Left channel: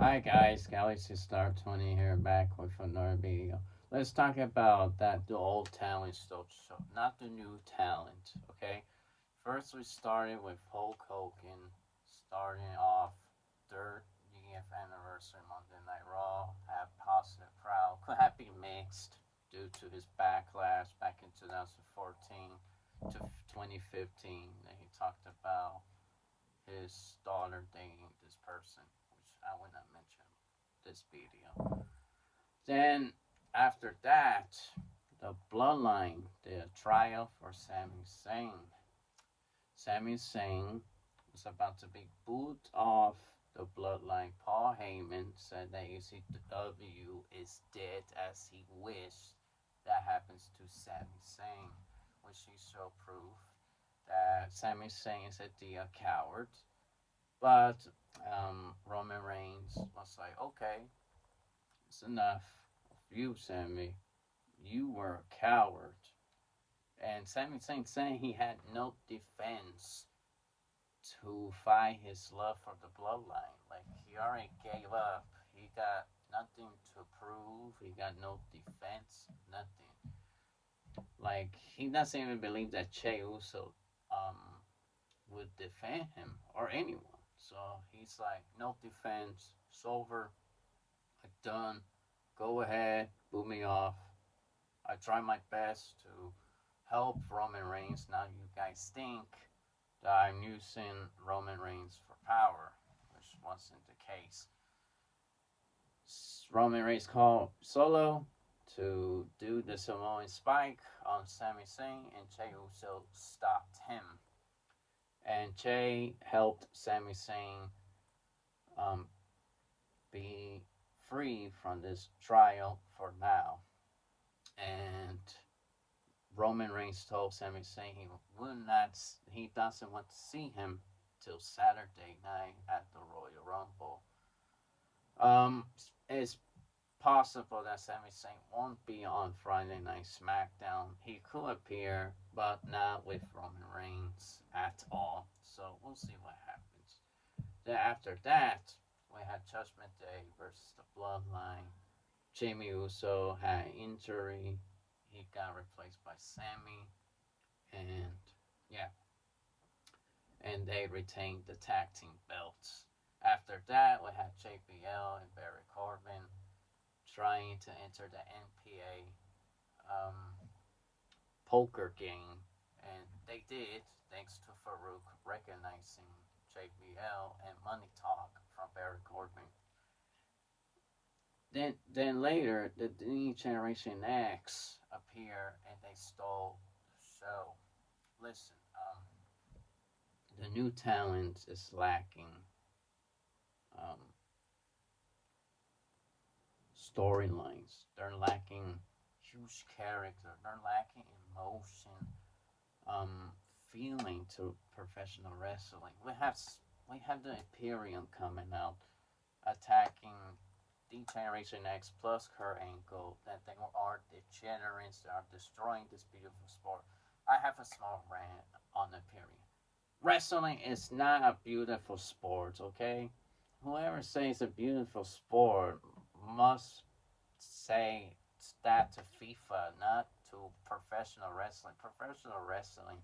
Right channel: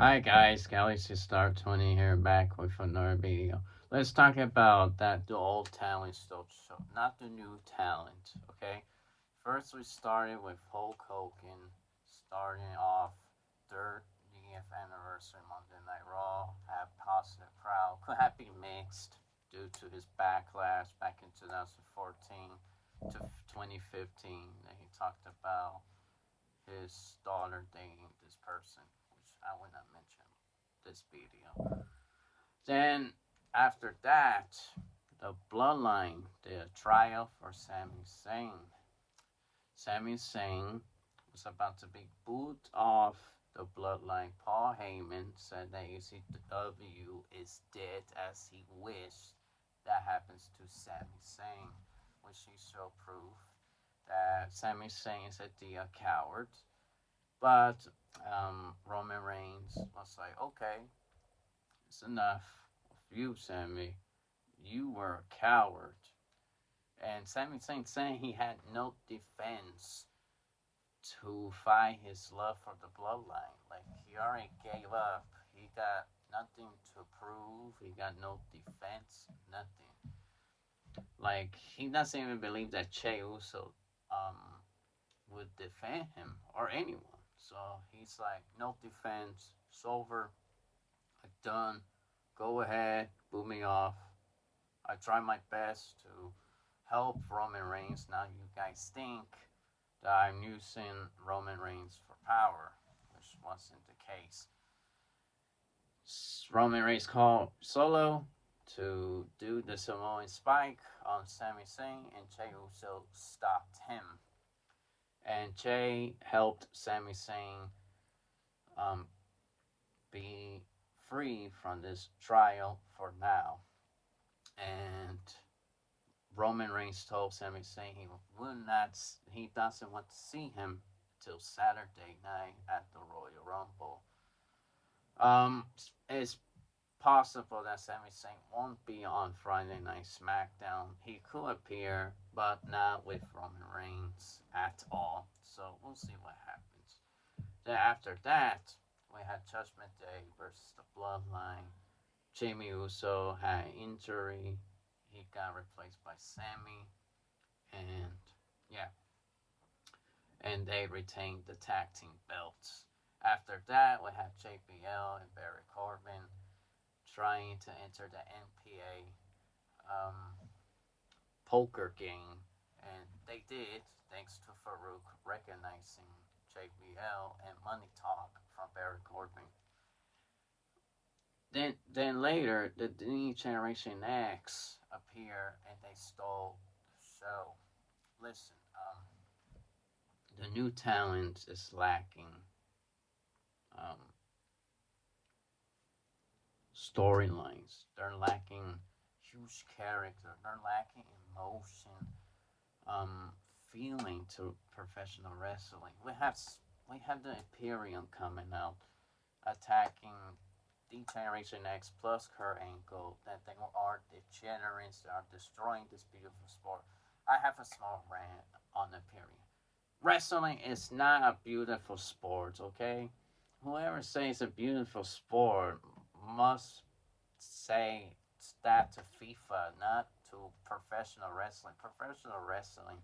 Hi guys, Galaxy Star 20 here back with another video. Let's talk about the old talent stole show, not the new talent, okay? First we started with Hulk Hogan starting off 30th anniversary Monday Night Raw, had positive crowd, could have been mixed due to his backlash back in 2014 to 2015 that he talked about his daughter dating this person, which I will not mention this video. Then after that, the Bloodline, the trial for Sami Zayn. Sami Zayn was about to be booed off the Bloodline. Paul Heyman said that ECW is dead as he wished that happens to Sami Zayn, which he showed proof that Sami Zayn is a coward. But Roman Reigns was like, okay, it's enough of you, Sammy. You were a coward. And Sami Zayn saying he had no defense to fight his love for the bloodline. Like, he already gave up. He got nothing to prove. He got no defense, nothing. Like, he doesn't even believe that Che Uso would defend him or anyone. So he's like, no defense. It's over. I'm done. Go ahead. Boot me off. I try my best to help Roman Reigns. Now you guys think that I'm using Roman Reigns for power, which wasn't the case. Roman Reigns called Solo to do the Samoan spike on Sami Zayn, and Jey Uso stopped him. And Jey helped Sami Zayn um, be free from this trial for now. And Roman Reigns told Sami Zayn he doesn't want to see him till Saturday night at the Royal Rumble. It's possible that Sami Zayn won't be on Friday Night SmackDown. He could appear, but not with Roman Reigns at all. So we'll see what happens. Then after that, we had Judgment Day versus the Bloodline. Jimmy Uso had an injury. He got replaced by Sammy, and yeah, and they retained the tag team belts. After that, we had JBL and Barry Corbin trying to enter the NPA poker game, and they did thanks to Farouk recognizing JBL and Money Talk from Barry Corbin. Then later, the new Generation X appeared and they stole the show. Listen, the new talent is lacking um, storylines. They're lacking huge character. They're lacking emotion, um, feeling to professional wrestling. We have the Imperium coming out, attacking the Generation X plus Kurt Angle. That they are degenerates. They are destroying this beautiful sport. I have a small rant on Imperium. Wrestling is not a beautiful sport, okay? Whoever says a beautiful sport must say that to FIFA, not to professional wrestling. Professional wrestling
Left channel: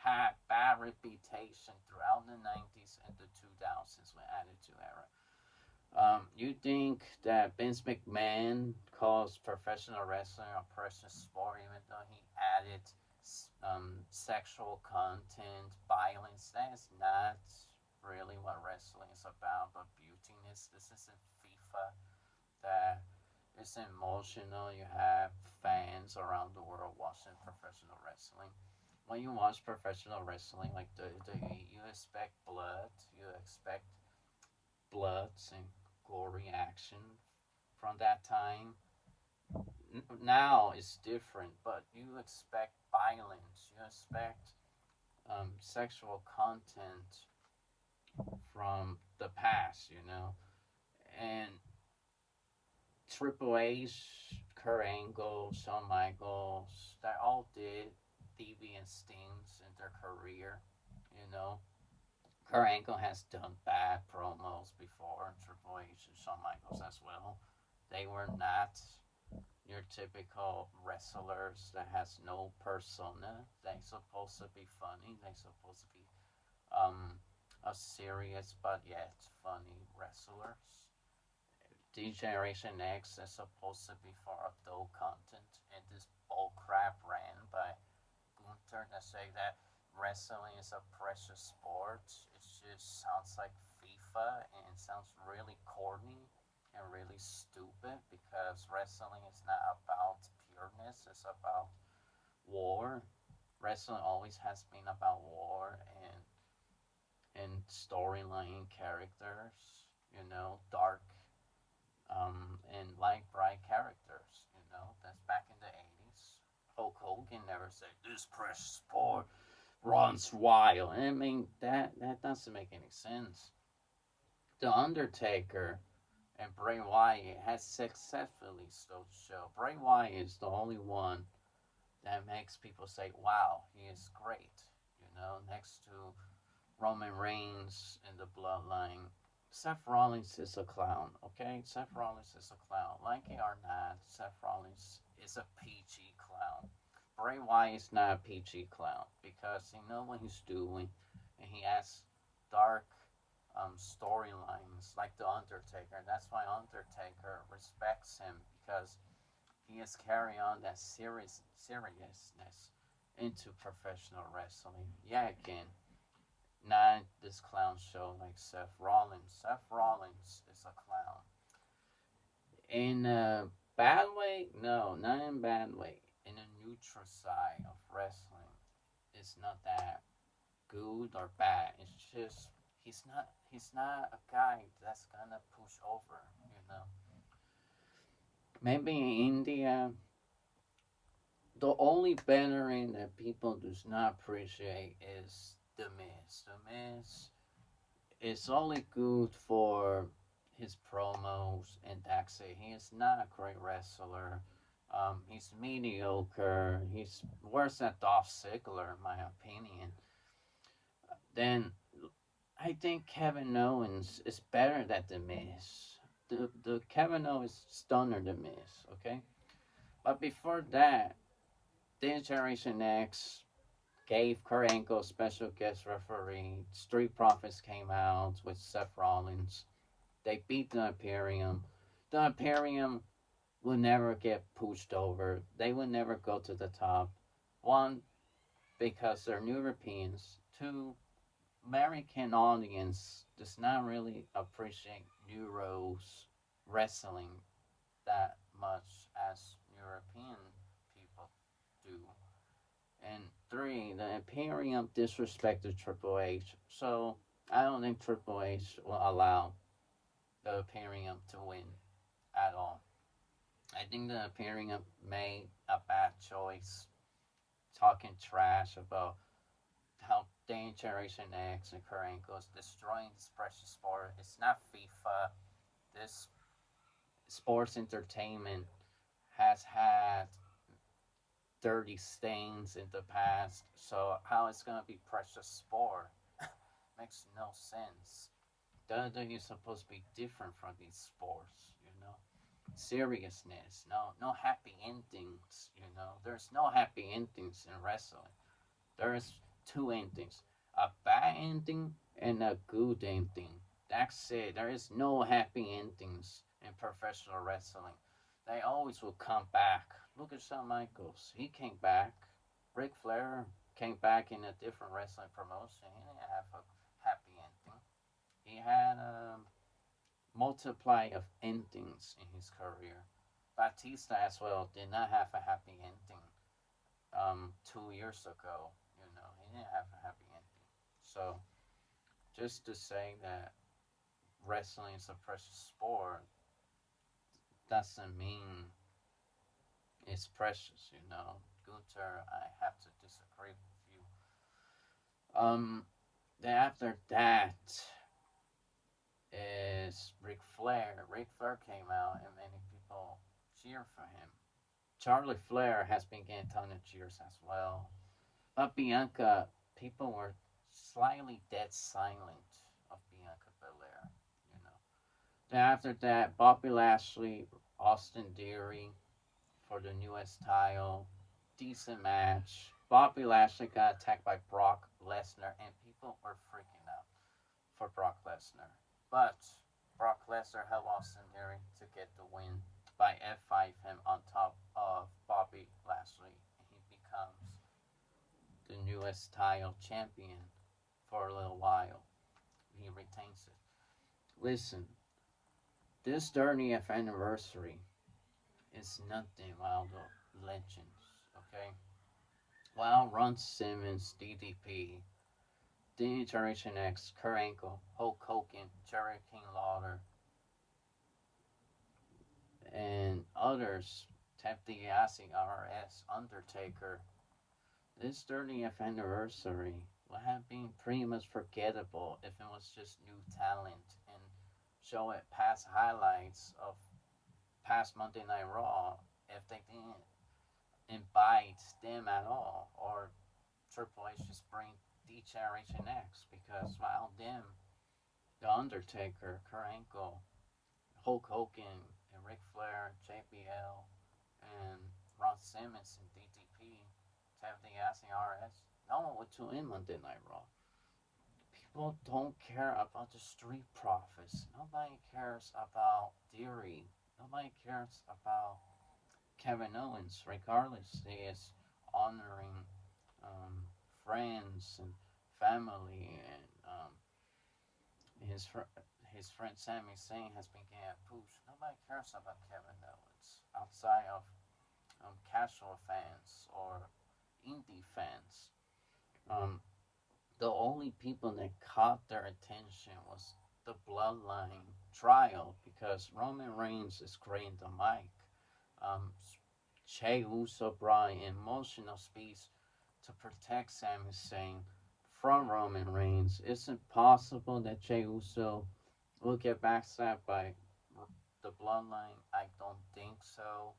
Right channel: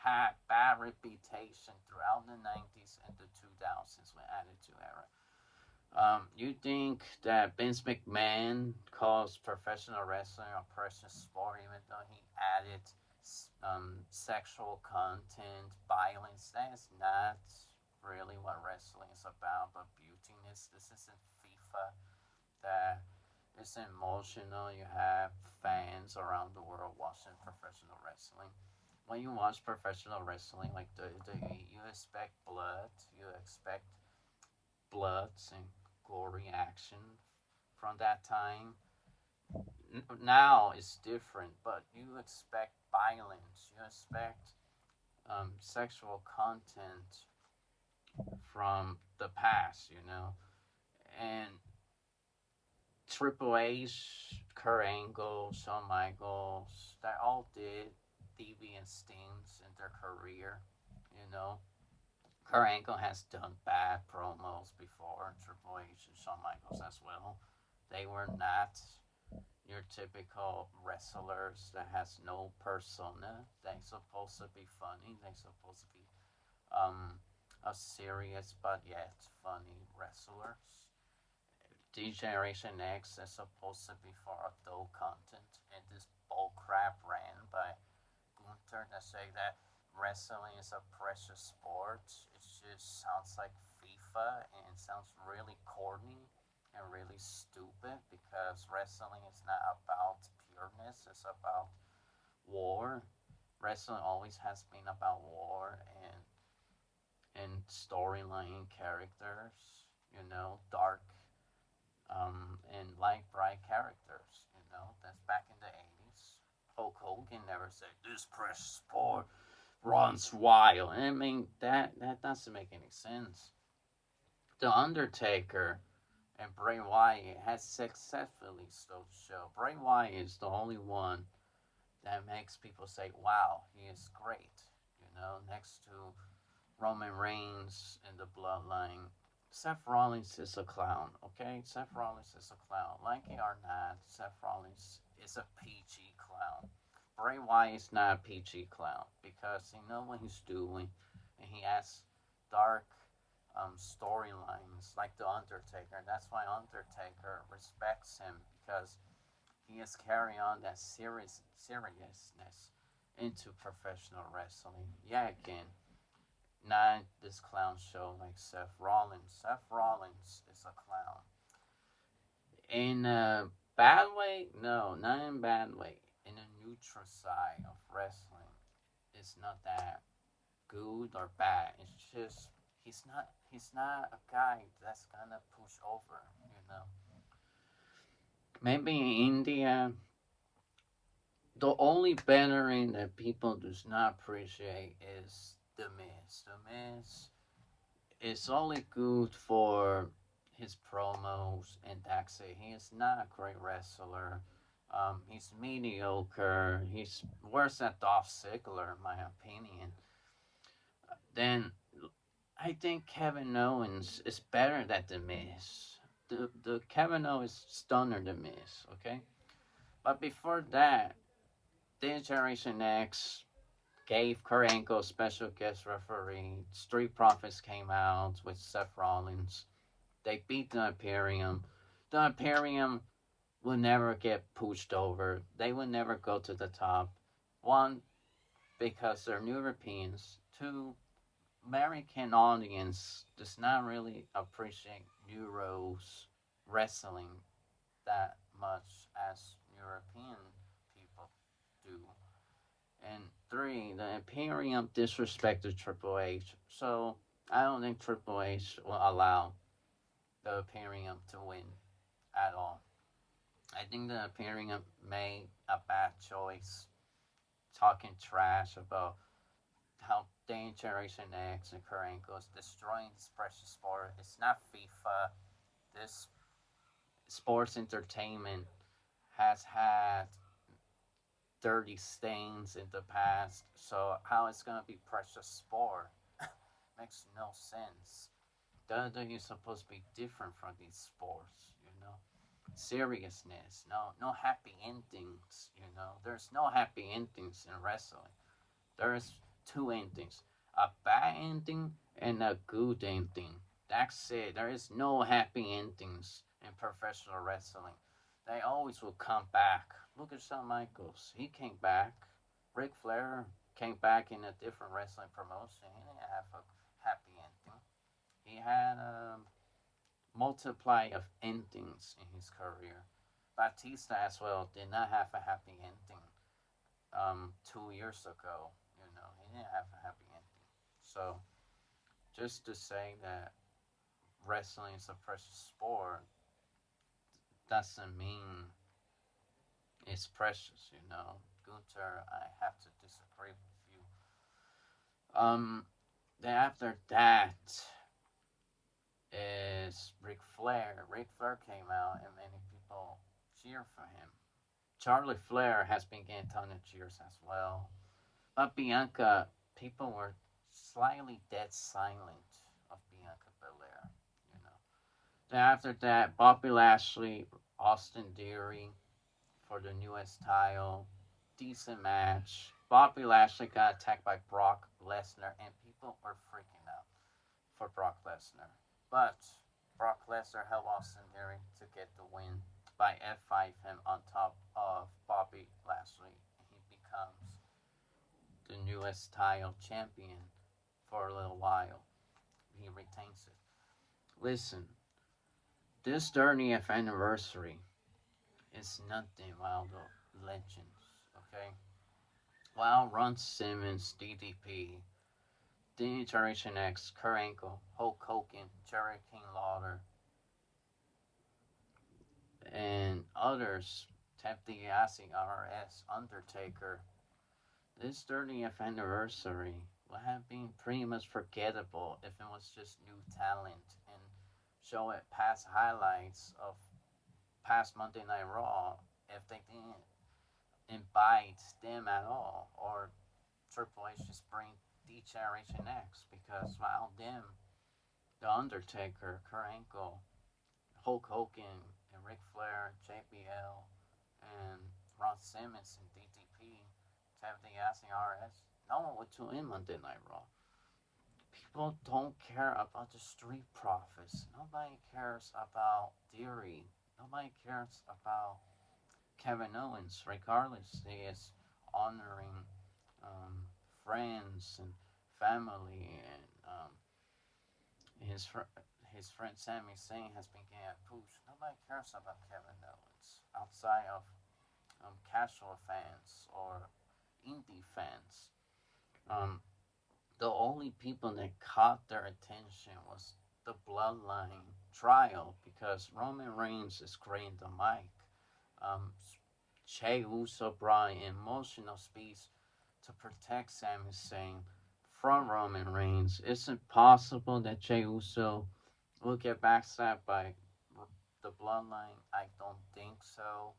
had bad reputation throughout the 90s and the 2000s with Attitude Era. You think that Vince McMahon calls professional wrestling a personal sport, even though he added sexual content, violence? That's not really what wrestling is about, but beautiness. This isn't FIFA that is emotional. You have fans around the world watching professional wrestling. When you watch professional wrestling like WWE, you expect blood, you expect bloods and gory action from that time. Now it's different, but you expect violence, you expect sexual content from the past, and Triple H, Kurt Angle, Shawn Michaels, they all did deviant things in their career, you know. Kurt Angle has done bad promos before, Triple H and Shawn Michaels as well. They were not your typical wrestlers that has no persona. They supposed to be funny. They supposed to be um a serious but yet funny wrestlers. D Generation X is supposed to be for adult content, and this bullcrap ran by Gunther to say that wrestling is a precious sport. It just sounds like FIFA, and it sounds really corny and really stupid because wrestling is not about pureness, it's about war. Wrestling always has been about war and storyline characters, dark and light bright characters, that's back in the 80s. Hulk Hogan never said this precious sport runs wild. I mean that doesn't make any sense. The Undertaker and Bray Wyatt has successfully stole the show. Bray Wyatt is the only one that makes people say, "Wow, he is great." Next to Roman Reigns in the Bloodline, Seth Rollins is a clown. Okay, Seth Rollins is a clown. Like it or not, Seth Rollins is a PG clown. Bray Wyatt is not a PG clown because he knows what he's doing, and he has dark storylines like the Undertaker. And that's why Undertaker respects him because he is carrying on that seriousness into professional wrestling. Yeah, again, not this clown show like Seth Rollins. Seth Rollins is a clown. In a bad way? No, not in a bad way. In a neutral side of wrestling, it's not that good or bad. It's just he's not a guy that's gonna push over. Maybe in India, the only veteran that people does not appreciate is the Miz. The Miz is only good for his promos, and that's it. He is not a great wrestler. He's mediocre. He's worse than Dolph Ziggler, in my opinion. Then I think Kevin Owens is better than the Miz. The Kevin Owens is stunner the Miz, okay? But before that, this Generation X gave Kurt Angle special guest referee. Street Profits came out with Seth Rollins. They beat the Imperium. The Imperium will never get pushed over. They will never go to the top. One, because they're new Europeans. Two, American audience does not really appreciate Euros wrestling that much as European people do. And three, the Imperium disrespected Triple H. So I don't think Triple H will allow the Imperium to win at all. I think the Imperium made a bad choice talking trash about how Generation X and Kurt Angle is destroying this precious sport. It's not FIFA. This sports entertainment has had dirty stains in the past, so how it's gonna be precious sport makes no sense. WWE is supposed to be different from these sports. Seriousness, no happy endings. There's no happy endings in wrestling. There's two endings. A bad ending and a good ending. That's it. There is no happy endings in professional wrestling. They always will come back. Look at Shawn Michaels. He came back. Ric Flair came back in a different wrestling promotion. He didn't have a happy ending. He had a multiply of endings in his career. Batista as well did not have a happy ending 2 years ago. He didn't have a happy ending. So just to say that wrestling is a precious sport doesn't mean it's precious. Gunther, I have to disagree with you. Then after that is Ric Flair. Ric Flair came out and many people cheer for him. Charlie Flair has been getting a ton of cheers as well. But Bianca, people were slightly dead silent of Bianca Belair. You know. Then after that, Bobby Lashley, Austin Theory for the newest title. Decent match. Bobby Lashley got attacked by Brock Lesnar, and people were freaking out for Brock Lesnar. But Brock Lesnar helped Austin Theory to get the win by F5 him on top of Bobby Lashley, and he becomes the newest title champion for a little while. He retains it. Listen, this 30th anniversary is nothing without the legends, okay? While Ron Simmons, DDP, Generation X, Kurt Angle, Hulk Hogan, Jerry King Lawler, and others, Ted DiBiase, RS, Undertaker, this 30th anniversary would have been pretty much forgettable if it was just new talent and show it past highlights of past Monday Night Raw if they didn't invite them at all, or Triple H just bring D Generation X because without them, The Undertaker, Kurt Angle, Hulk Hogan, and Ric Flair, JBL, and Ron Simmons and DDP, Ted DiBiase, RS, no one would tune in Monday Night Raw. People don't care about the Street Profits. Nobody cares about Theory. Nobody cares about Kevin Owens, regardless he is honoring um, friends and family, and his his friend Sami Zayn has been getting a push. Nobody cares about Kevin Owens outside of casual fans or indie fans. Um, the only people that caught their attention was the Bloodline trial because Roman Reigns is creating the mic. Um, Jey Uso brought an emotional speech to protect Sami Zayn from Roman Reigns. Is it possible that Jey Uso will get backstabbed by the Bloodline? I don't think so.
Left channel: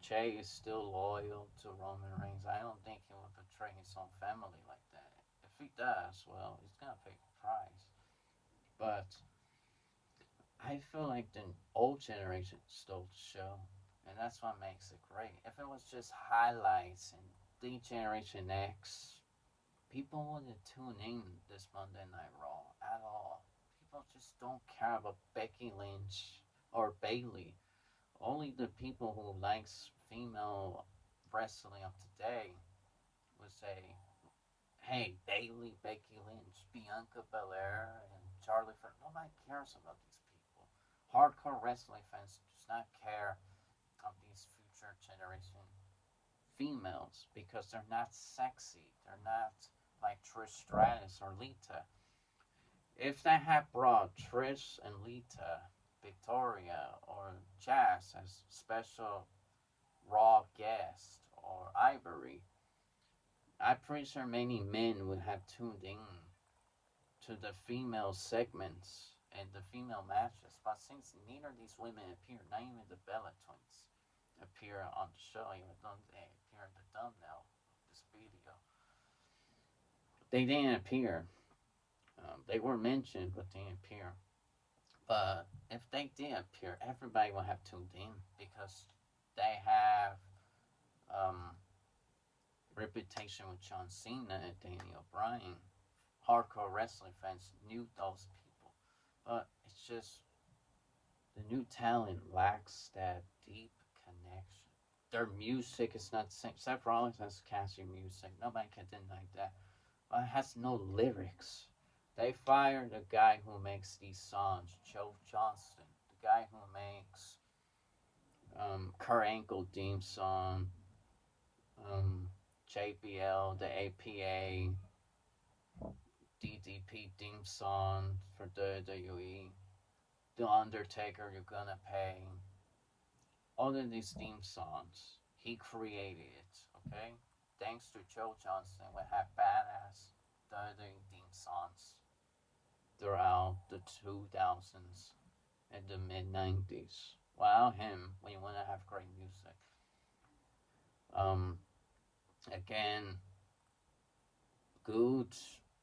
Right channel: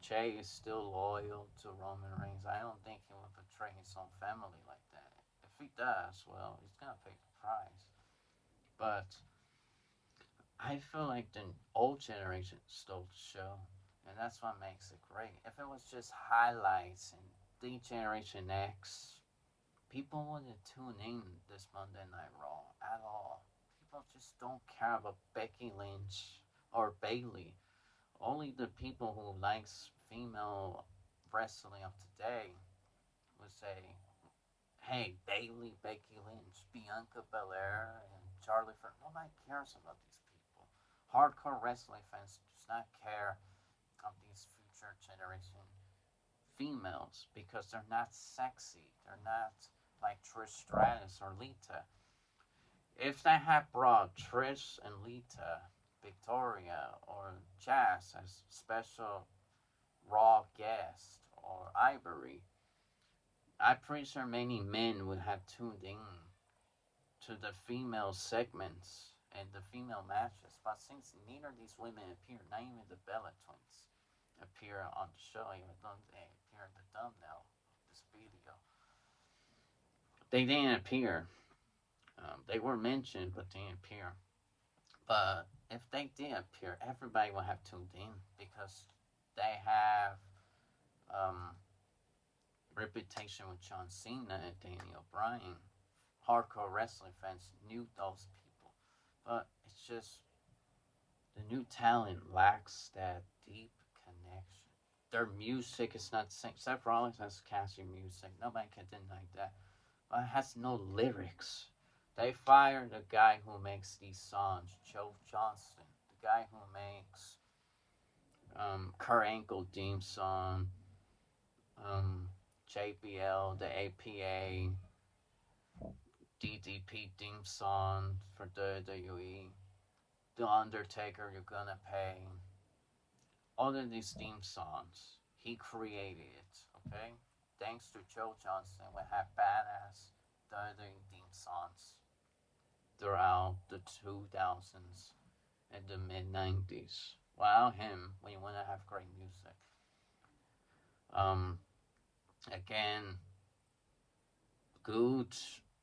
Jey is still loyal to Roman Reigns. I don't think he would betray his own family like that. If he does, well, he's gonna pay the price. But I feel like the old generation stole the show, and that's what makes it great. If it was just highlights and the Generation X, people wouldn't tune in this Monday Night Raw at all. People just don't care about Becky Lynch or Bailey. Only the people who likes female wrestling of today would say, "Hey, Bailey, Becky Lynch, Bianca Belair, and Charlie Flair." Nobody cares about these people. Hardcore wrestling fans does not care of these future generation females because they're not sexy. They're not like Trish Stratus or Lita. If they had brought Trish and Lita, Victoria, or Jazz as special Raw guest or Ivory, I'm pretty sure many men would have tuned in to the female segments and the female matches. But since neither of these women appear, not even the Bella twins appear on the show, even though they appear in the thumbnail of this video, they didn't appear. They were mentioned, but they didn't appear. But if they did appear, everybody will have tuned in because they have reputation with John Cena and Daniel Bryan. Hardcore wrestling fans knew those people, but it's just the new talent lacks that deep connection. Their music is not the same. Seth Rollins has catchy music. Nobody can deny that. But it has no lyrics. They fired the guy who makes these songs, Joe Johnston, the guy who makes Kurt Angle theme song, JBL, the APA, DDP theme song for WWE, The Undertaker, You're Gonna Pay. All of these theme songs, he created it, okay? Thanks to Joe Johnston, we have badass WWE theme songs throughout the 2000s and the mid 90s. Without him, we wouldn't have great music. Again, good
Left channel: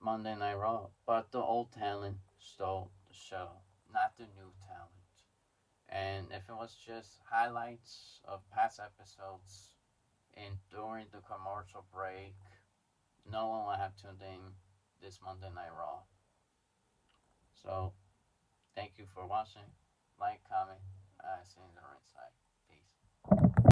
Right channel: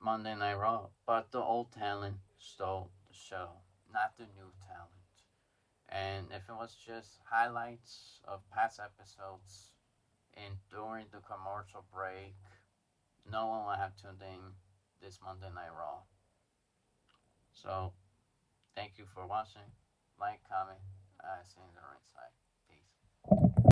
Monday Night Raw, but the old talent stole the show, not the new talent. And if it was just highlights of past episodes and during the commercial break, no one would have tuned in this Monday Night Raw. So thank you for watching. Like, comment, see you in the right side.